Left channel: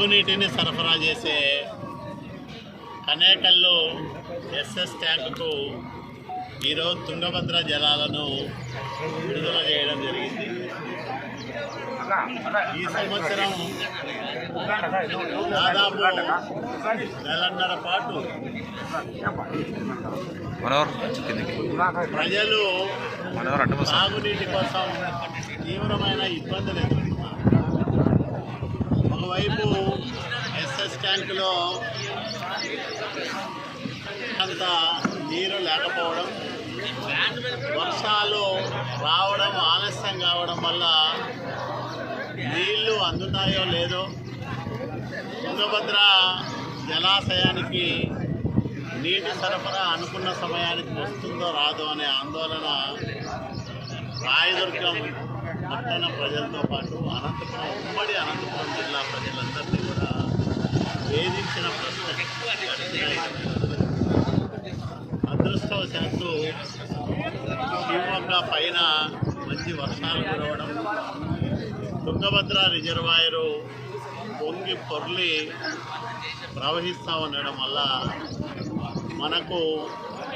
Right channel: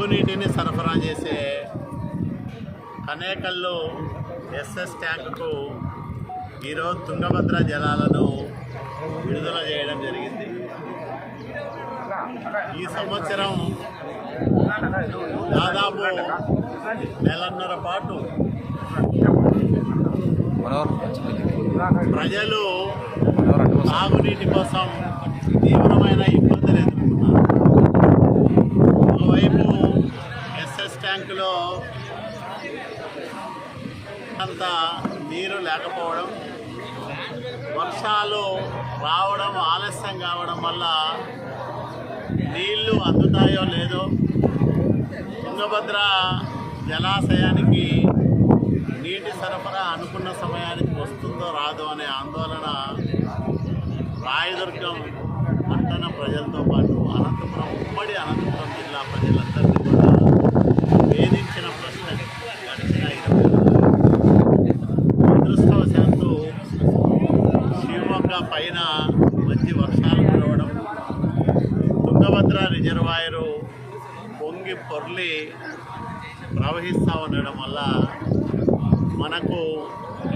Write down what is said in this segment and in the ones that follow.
తాగునీటిని సరఫరా చేసే కనేకల్లు ఎస్ఎస్ ట్యాంకుకు ఈరోజు తుంగభద్ర జలాలను విడుదల చేయడం జరిగింది. ఈ సంవత్సరం దాదాపు నెలన్నర పాటు ప్రజలు. తాగునీటి కోసం తీవ్రమైన ఇబ్బందులు ఎదుర్కొన్నారు. ఒకవైపు ట్యాంకులో అంత నీరు లేకపోవడం వర్షాలు రావడం ఆలస్యం కావడం వల్ల నీళ్ళు అందుతాయో లేదో తుంగభద్ర జలాశయానికి నీటి సరఫరా అనుకున్న సమయానికి వస్తుందో రాదో అనే ఆందోళన రాయదుర్గం పట్టణ ప్రజలతో పాటు అనంతపురం ఉమ్మడి అనంతపురం జిల్లా ప్రజలందరినీ కూడా శివమొగ్గ పైన మంచి వర్షాలు కురవడం తుంగభద్ర రిజర్వాయరు పొంగి పొర్లి ప్రవహిస్తూ ఉండడం వల్ల మనకు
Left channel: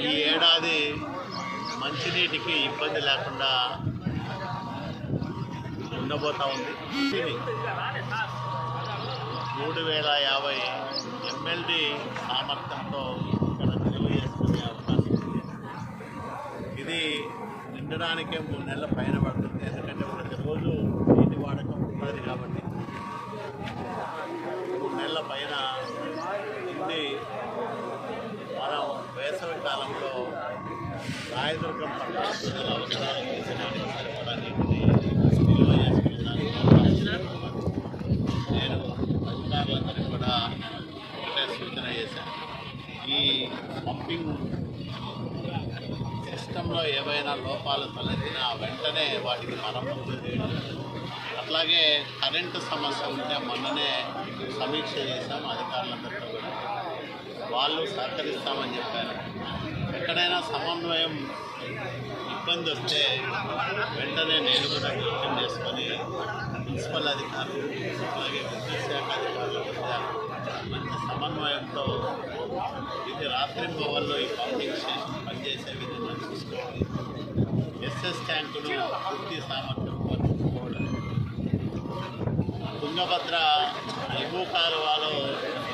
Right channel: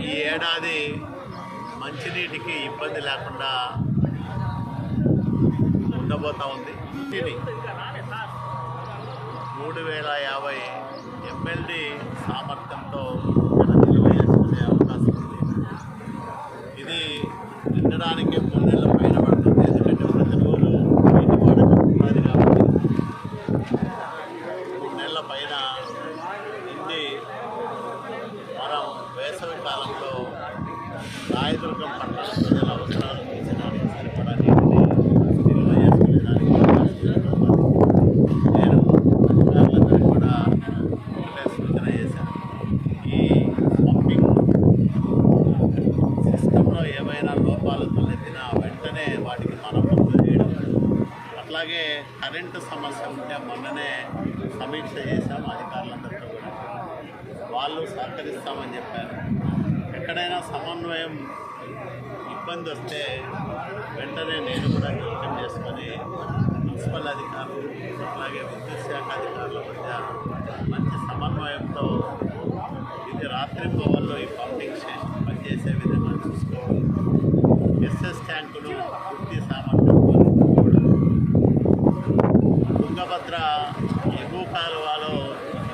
ఈ ఏడాది మంచినీటికి ఇబ్బంది లేకుండా ఉండబోతూ ఉంది. ఇది మూడు వేల యాభై ఎంఎల్డి సామర్థ్యంతో ఇక్కడ నిల్వ చేసుకునే అవకాశం ఉంది ఇది నిండడానికే మూడు నెలల పైన పడుతుంది. ఎందుకంటే ప్రతిరోజు నీటి వాడకం ఉన్నది కాబట్టి మూడు నెలల పైన నిండి మనం వేసవి కాలంలో రాయదుర్గం పట్టణ ప్రజల అవసరాలు తీర్చడానికి సరిపడా నీటిని నిల్వ చేసుకునేదానికి అవకాశం ఉంది. నేను అధికారులందరికీ కూడా ఒకటే సూచన చేశాను ఈ పంపింగ్ సిస్టంలో ఏవైనా లోపాలు తలెత్తినా వెంటనే వాటికి మరమ్మతులు చేయడం. అట్లాగే కరెంటు సమస్య ఉంటే మొన్ననే సమీక్ష చేశాం అధికారులందరితో కూడా. వాళ్ళు సహకరిస్తామని చెప్పారు. ఎక్కడైనా సమన్వయం ఇబ్బంది వస్తే వెంటనే నేను కూడా జోక్యం చేసుకొని మున్సిపల్ అధికారులు అట్లాగే విద్యుత్ శాఖ అధికారుల మధ్య మంచి సమన్వయంతో ఇది రాత్రి పవర్లో ఈ పంపింగ్ తుంగభద్ర ఎగువ కాలువలో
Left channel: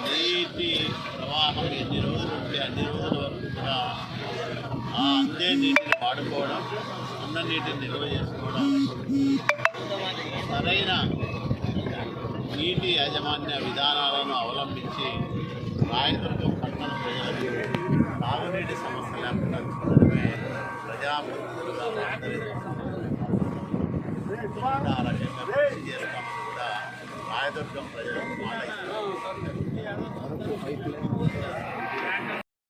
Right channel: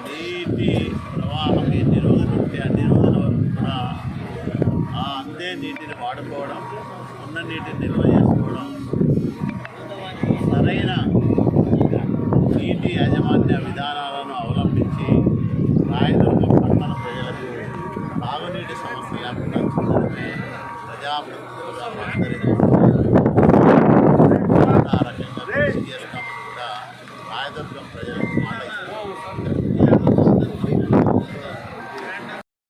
నీటి ప్రవాహం ఎన్ని రోజులు ఉంటే అన్ని రోజుల వరకు కూడా ఆ అందే నీటిని వాడుకోవడం ఉన్న నీటిని నిల్వ చేసుకోవడం సరైన నీటి యాజమాన్య విధానాలను అవలంబించి రాయదుర్గం పట్టణ ప్రజలకు తాగునీటి సమస్య లేకుండా చూడడమే ప్రజాప్రతినిధులుగా మా అందరి ఆ రకంగా కృషి చేస్తామని కూడా రాయదుర్గం ప్రజలకు మాట ఇస్తున్నాం